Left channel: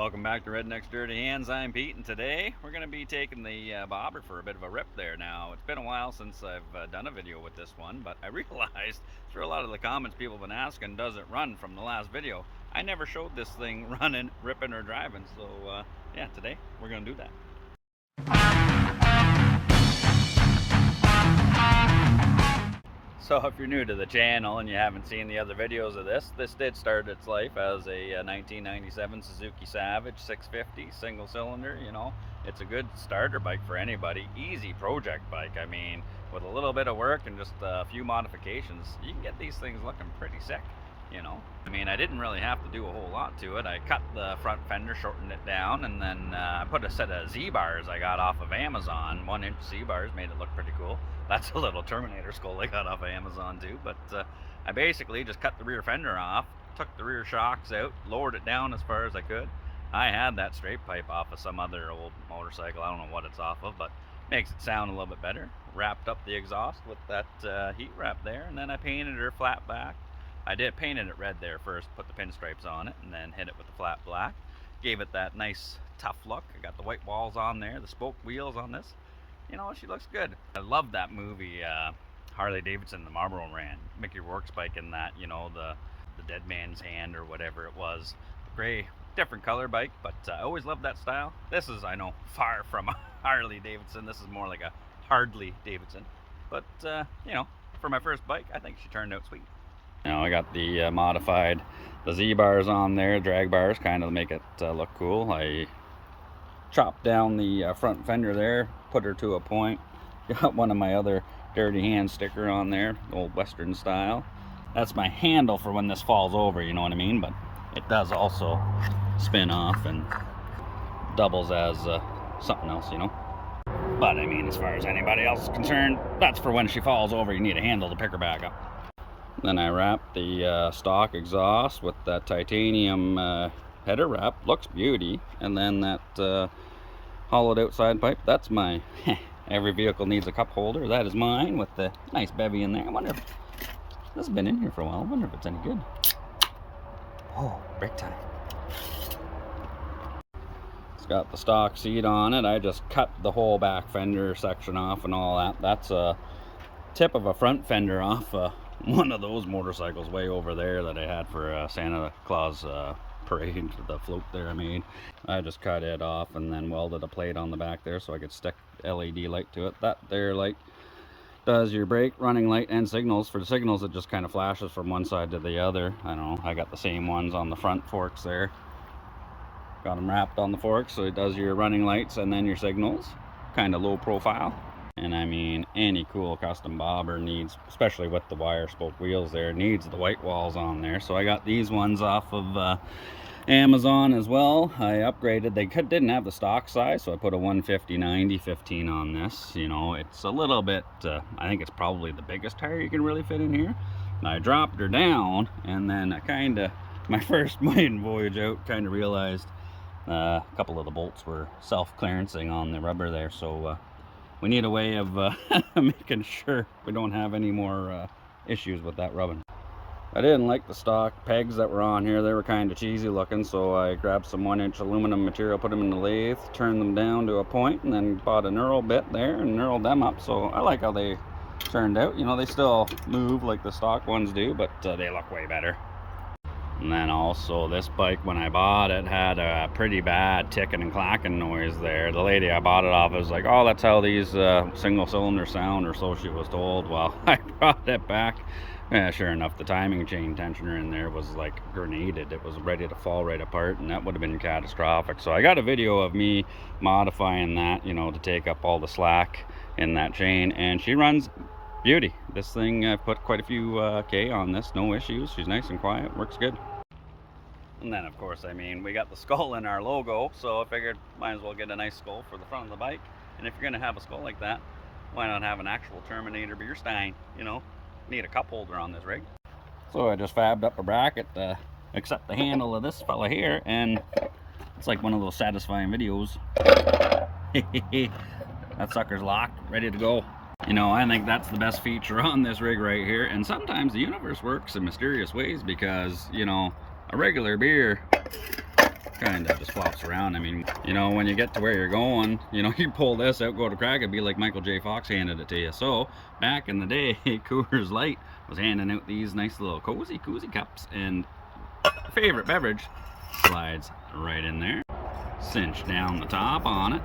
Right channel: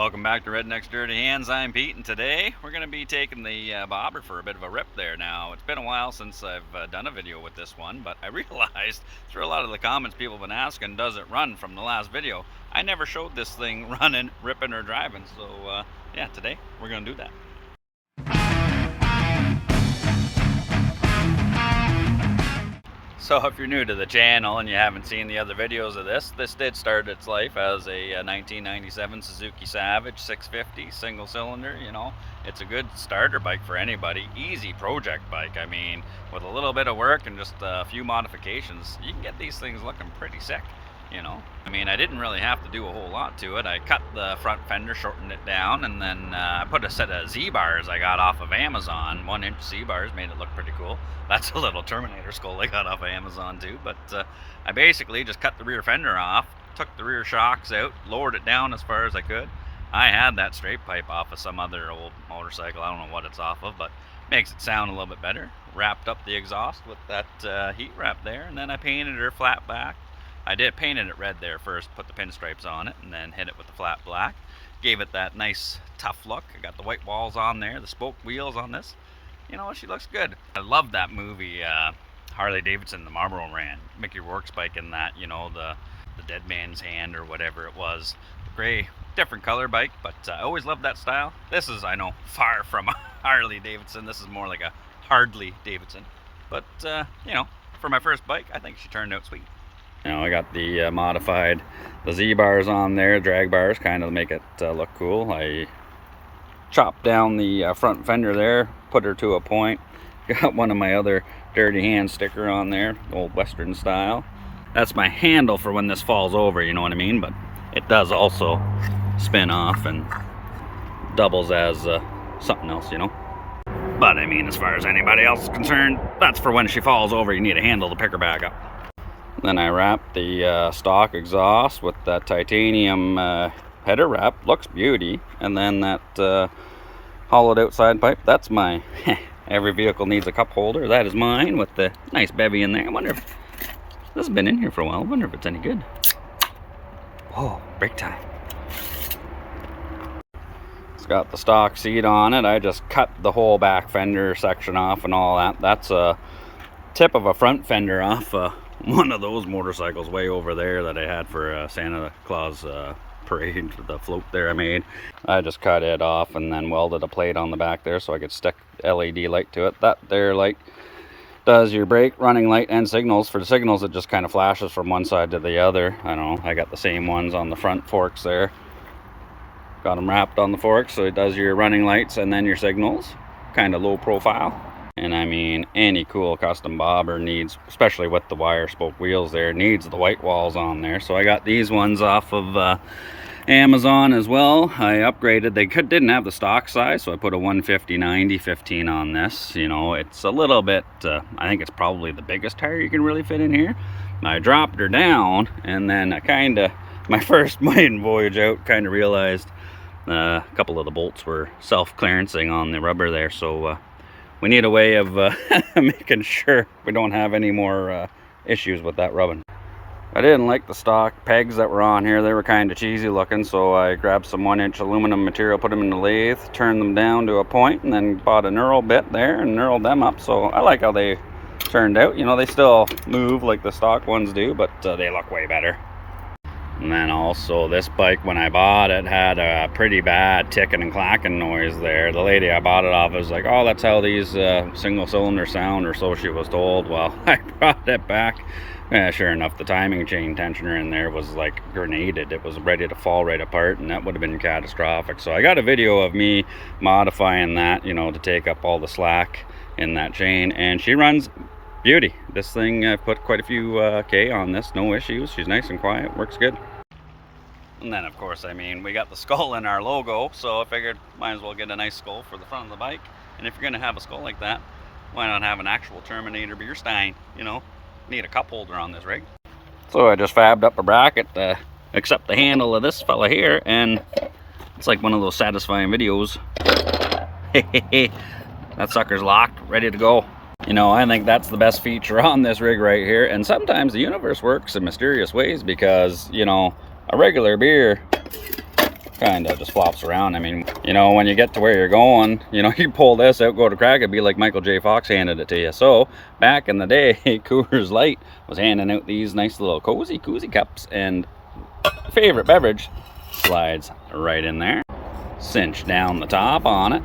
Welcome back to Redneck's Dirty Hands. I'm Pete, and today we're going to be taking the bobber for a bit of a rip there. Now, it's been a while since I've done a video with this one, but I realized through a lot of the comments people have been asking, does it run from the last video? I never showed this thing running, ripping, or driving, so yeah, today we're going to do that. So if you're new to the channel and you haven't seen the other videos of this did start its life as a 1997 Suzuki Savage 650 single cylinder. You know, it's a good starter bike for anybody. Easy project bike. I mean, with a little bit of work and just a few modifications, you can get these things looking pretty sick. You know, I mean, I didn't really have to do a whole lot to it. I cut the front fender, shortened it down, and then I put a set of Z-bars I got off of Amazon. 1-inch Z-bars, made it look pretty cool. That's a little Terminator skull I got off of Amazon too. But I basically just cut the rear fender off, took the rear shocks out, lowered it down as far as I could. I had that straight pipe off of some other old motorcycle. I don't know what it's off of, but makes it sound a little bit better. Wrapped up the exhaust with that heat wrap there, and then I painted her flat black. I painted it red there first, put the pinstripes on it, and then hit it with the flat black. Gave it that nice tough look. I got the white walls on there, the spoke wheels on this. You know, she looks good. I love that movie, Harley Davidson, the Marlboro Ran. Mickey Rourke's bike in that, you know, the dead man's hand or whatever it was. Gray, different color bike, but I always loved that style. This is, I know, far from a Harley Davidson. This is more like a Hardly Davidson. But, you know, for my first bike, I think she turned out sweet. You know, I got the modified, the Z-bars on there, drag bars, kind of make it look cool. I chopped down the front fender there, put her to a point. Got one of my other Dirty Hand sticker on there, old Western style. That's my handle for when this falls over, you know what I mean? But it does also spin off and doubles as something else, you know? But I mean, as far as anybody else is concerned, that's for when she falls over, you need a handle to pick her back up. Then I wrapped the stock exhaust with that titanium header wrap. Looks beauty. And then that hollowed out side pipe, that's my every vehicle needs a cup holder. That is mine with the nice bevy in there. I wonder if this has been in here for a while. I wonder if it's any good. Whoa, break time. It's got the stock seat on it. I just cut the whole back fender section off and all that. That's a tip of a front fender off one of those motorcycles way over there that I had for Santa Claus parade, the float there I made. I just cut it off and then welded a plate on the back there so I could stick LED light to it. That there light does your brake, running light, and signals. For the signals, it just kind of flashes from one side to the other. I don't know, I got the same ones on the front forks there. Got them wrapped on the forks so it does your running lights and then your signals. Kind of low profile. And I mean, any cool custom bobber needs, especially with the wire spoke wheels there, needs the white walls on there. So I got these ones off of Amazon as well. I upgraded. They didn't have the stock size, so I put a 150/90/15 on this. You know, it's a little bit, I think it's probably the biggest tire you can really fit in here. I dropped her down, and then I kind of, my first maiden voyage out, kind of realized a couple of the bolts were self-clearancing on the rubber there, so we need a way of making sure we don't have any more issues with that rubbing. I didn't like the stock pegs that were on here. They were kind of cheesy looking, so I grabbed some 1-inch aluminum material, put them in the lathe, turned them down to a point, and then bought a knurl bit there and knurled them up. So I like how they turned out. You know, they still move like the stock ones do, but they look way better. And then also this bike, when I bought it, had a pretty bad ticking and clacking noise there. The lady I bought it off was like, oh, that's how these single cylinder sound, or so she was told. Well, I brought it back. Sure enough, the timing chain tensioner in there was like grenaded. It was ready to fall right apart, and that would have been catastrophic. So I got a video of me modifying that, you know, to take up all the slack in that chain, and she runs beauty. This thing, I've put quite a few K on this, no issues. She's nice and quiet, works good. And then, of course, I mean, we got the skull in our logo, so I figured might as well get a nice skull for the front of the bike. And if you're going to have a skull like that, why not have an actual Terminator beer stein, you know? Need a cup holder on this rig. So I just fabbed up a bracket to accept the handle of this fella here, and it's like one of those satisfying videos. That sucker's locked, ready to go. You know, I think that's the best feature on this rig right here. And sometimes the universe works in mysterious ways, because, you know, a regular beer kind of just flops around. I mean, you know, when you get to where you're going, you know, you pull this out, go to crack, it'd be like Michael J. Fox handed it to you. So back in the day, Coors Light was handing out these nice little cozy cups, and favorite beverage slides right in there. Cinch down the top on it,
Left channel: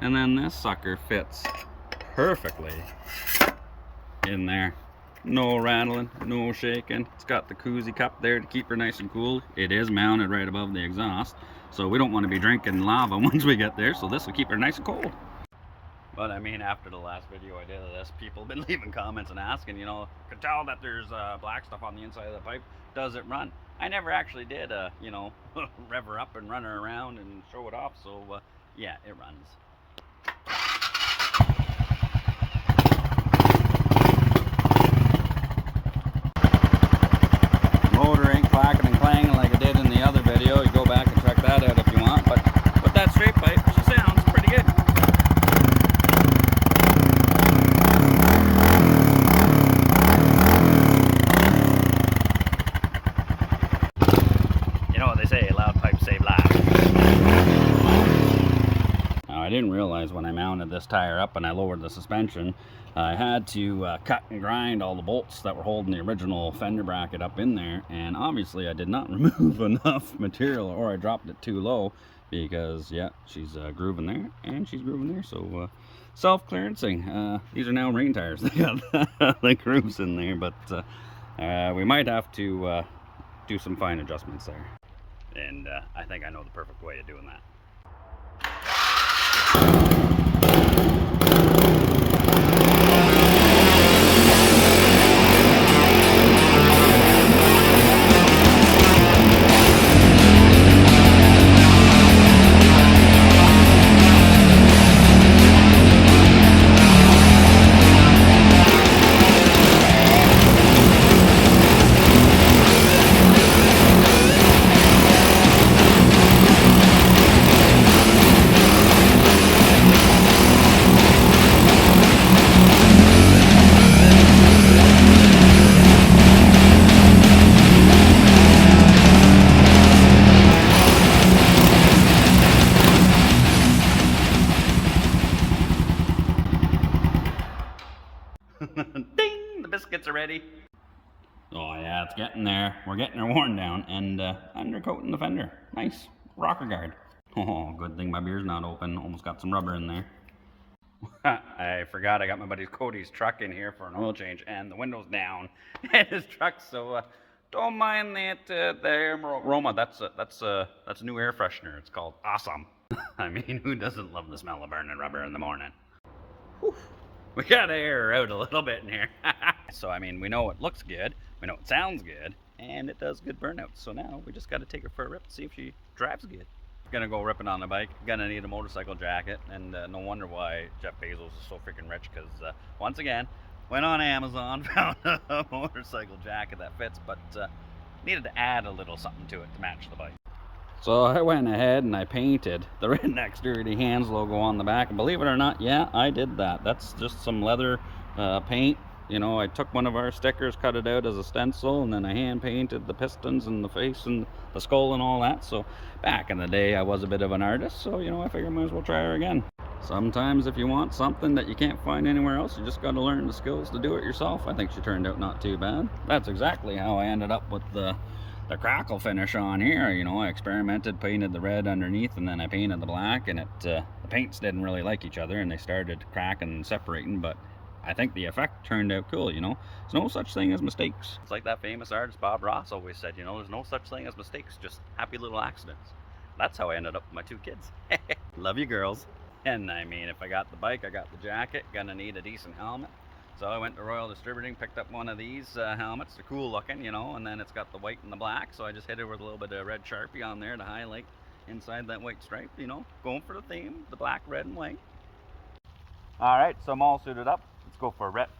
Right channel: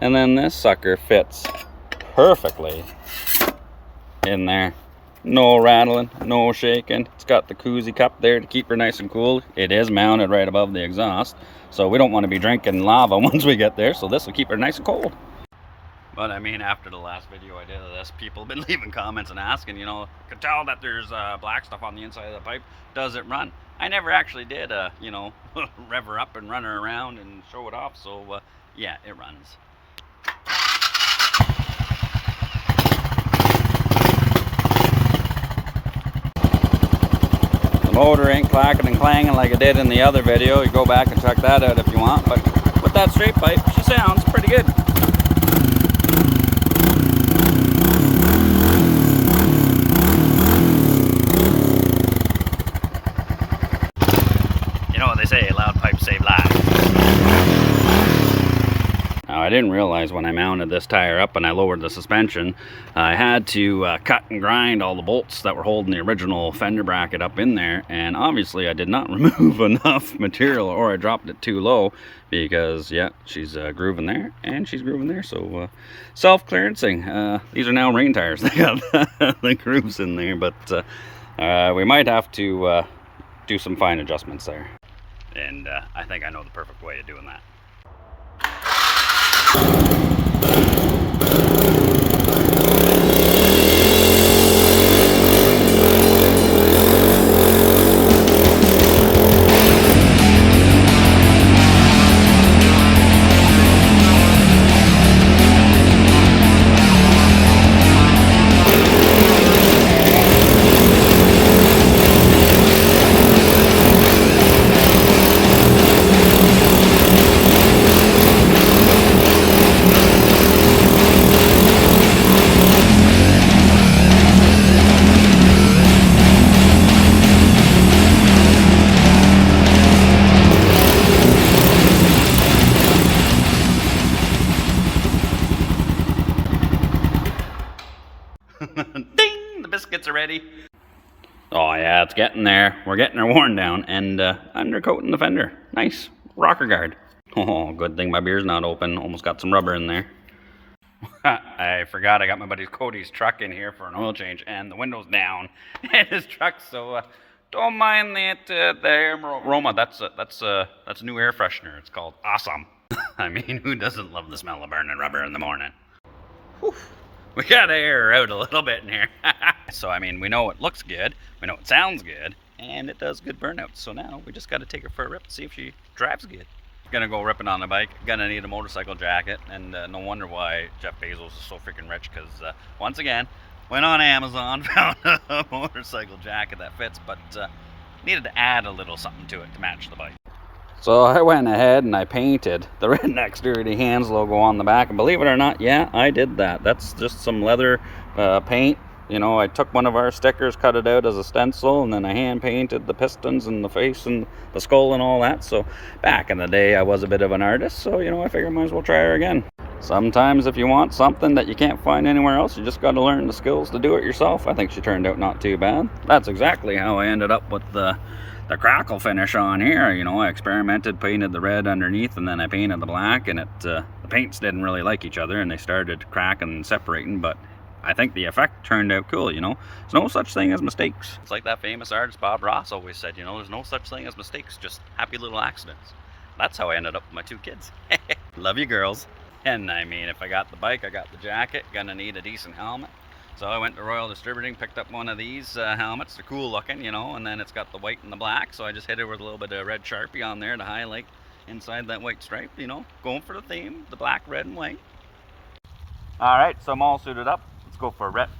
and then this sucker fits perfectly in there. No rattling, no shaking. It's got the koozie cup there to keep her nice and cool. It is mounted right above the exhaust, so we don't want to be drinking lava once we get there, so this will keep her nice and cold. But I mean, after the last video I did of this, people have been leaving comments and asking, you know, could tell that there's black stuff on the inside of the pipe. Does it run? I never actually did, you know, rev her up and run her around and show it off, so yeah, it runs. Motor ain't clacking and clanging like it did in the other video. You go back and check that out if you want, but with that straight pipe, she sounds pretty good. You know what they say, loud pipes save lives. Now, I didn't realize when I mounted this tire up and I lowered the suspension, I had to cut and grind all the bolts that were holding the original fender bracket up in there, and obviously I did not remove enough material, or I dropped it too low, because yeah, she's grooving there and she's grooving there. So self-clearancing. These are now rain tires. They got the grooves in there, but we might have to do some fine adjustments there, and I think I know the perfect way of doing that. Ding! The biscuits are ready. Oh yeah, it's getting there. We're getting her worn down and undercoating the fender. Nice. Rocker guard. Oh, good thing my beer's not open. Almost got some rubber in there. I forgot I got my buddy Cody's truck in here for an oil change, and the window's down in his truck, so don't mind that the aroma. That's a new air freshener. It's called Awesome. I mean, who doesn't love the smell of burning rubber in the morning? Whew. We got to air her out a little bit in here. So, I mean, we know it looks good, we know it sounds good, and it does good burnouts. So now we just got to take her for a rip and see if she drives good. Gonna go ripping on the bike. Gonna need a motorcycle jacket, and no wonder why Jeff Bezos is so freaking rich, because once again, went on Amazon, found a motorcycle jacket that fits, but needed to add a little something to it to match the bike. So I went ahead and I painted the Redneck's Dirty Hands logo on the back, and believe it or not, yeah, I did that. That's just some leather paint. You know, I took one of our stickers, cut it out as a stencil, and then I hand painted the pistons and the face and the skull and all that. So back in the day, I was a bit of an artist, so you know, I figured I might as well try her again. Sometimes if you want something that you can't find anywhere else, you just got to learn the skills to do it yourself. I think she turned out not too bad. That's exactly how I ended up with the crackle finish on here. You know, I experimented, painted the red underneath, and then I painted the black, and the paints didn't really like each other, and they started cracking and separating, but I think the effect turned out cool, you know. There's no such thing as mistakes. It's like that famous artist Bob Ross always said, you know, there's no such thing as mistakes, just happy little accidents. That's how I ended up with my 2 kids. Love you, girls. And I mean, if I got the bike, I got the jacket, gonna need a decent helmet. So I went to Royal Distributing, picked up one of these helmets. They're cool looking, you know, and then it's got the white and the black. So I just hit it with a little bit of red Sharpie on there to highlight inside that white stripe, you know, going for the theme, the black, red, and white. All right, so I'm all suited up. Let's go for a rip.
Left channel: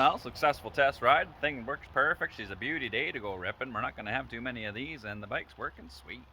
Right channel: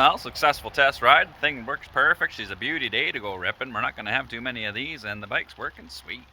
Well, successful test ride. The thing works perfect. She's a beauty day to go ripping. We're not going to have too many of these, and the bike's working sweet.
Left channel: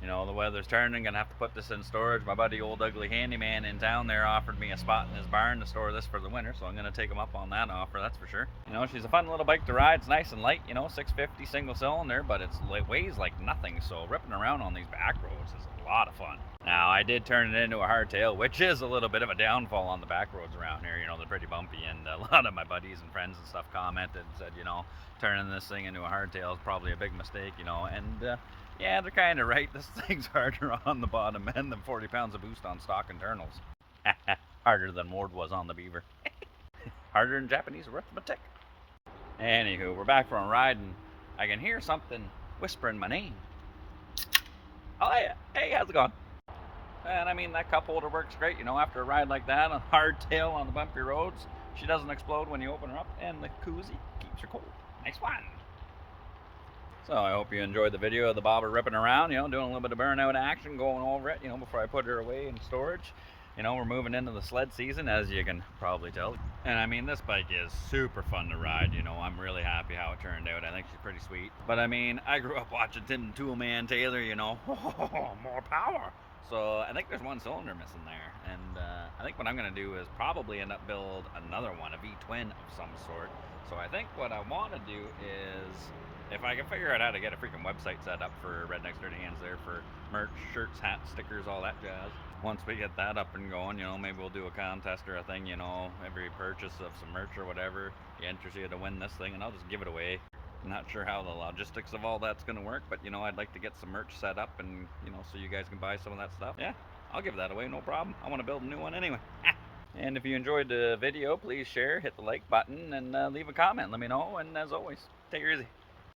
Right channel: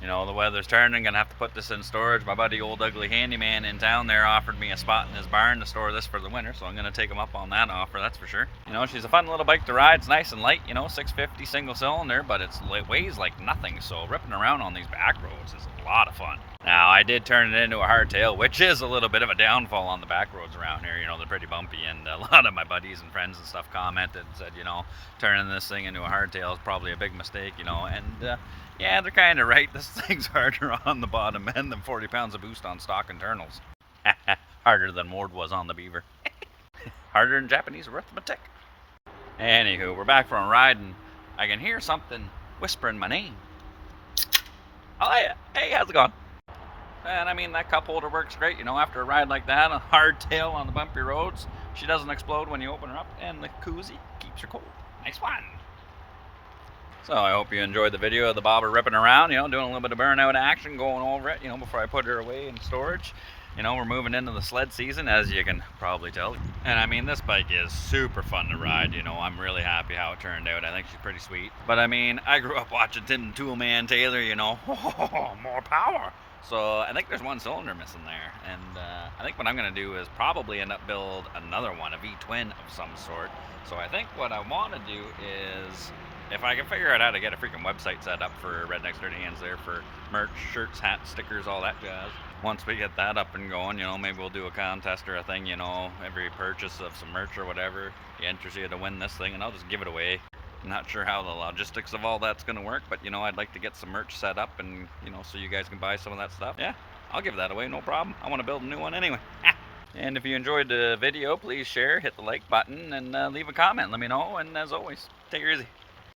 You know, the weather's turning, gonna have to put this in storage. My buddy Old Ugly Handyman in town there offered me a spot in his barn to store this for the winter, so I'm gonna take him up on that offer, that's for sure. You know, she's a fun little bike to ride. It's nice and light, you know, 650 single cylinder, but it weighs like nothing, so ripping around on these back roads is a lot of fun. Now, I did turn it into a hardtail, which is a little bit of a downfall on the back roads around here. You know, they're pretty bumpy, and a lot of my buddies and friends and stuff commented and said, you know, turning this thing into a hardtail is probably a big mistake, you know, and yeah, they're kind of right. This thing's harder on the bottom end than 40 pounds of boost on stock internals. Harder than Ward was on the Beaver. Harder than Japanese arithmetic. Anywho, we're back from a ride, and I can hear something whispering my name. Oh, yeah. Hey, how's it going? And I mean, that cup holder works great, you know, after a ride like that, a hardtail on the bumpy roads. She doesn't explode when you open her up, and the koozie keeps her cold. Nice one. So I hope you enjoyed the video of the bobber ripping around, you know, doing a little bit of burnout action, going over it, you know, before I put her away in storage. You know, we're moving into the sled season, as you can probably tell. And I mean, this bike is super fun to ride, you know, I'm really happy how it turned out. I think she's pretty sweet. But I mean, I grew up watching Tim Toolman Taylor, you know, more power. So I think there's one cylinder missing there. And I think what I'm gonna do is probably end up build another one, a V-twin of some sort. So I think what I wanna do is, if I can figure out how to get a freaking website set up for Rednecks Dirty Hands there for merch, shirts, hats, stickers, all that jazz. Once we get that up and going, you know, maybe we'll do a contest or a thing, you know, every purchase of some merch or whatever, he enters you to win this thing, and I'll just give it away. I'm not sure how the logistics of all that's gonna work, but you know, I'd like to get some merch set up and, you know, so you guys can buy some of that stuff. Yeah, I'll give that away, no problem. I want to build a new one anyway. And if you enjoyed the video, please share, hit the like button, and leave a comment. Let me know, and as always, take it easy.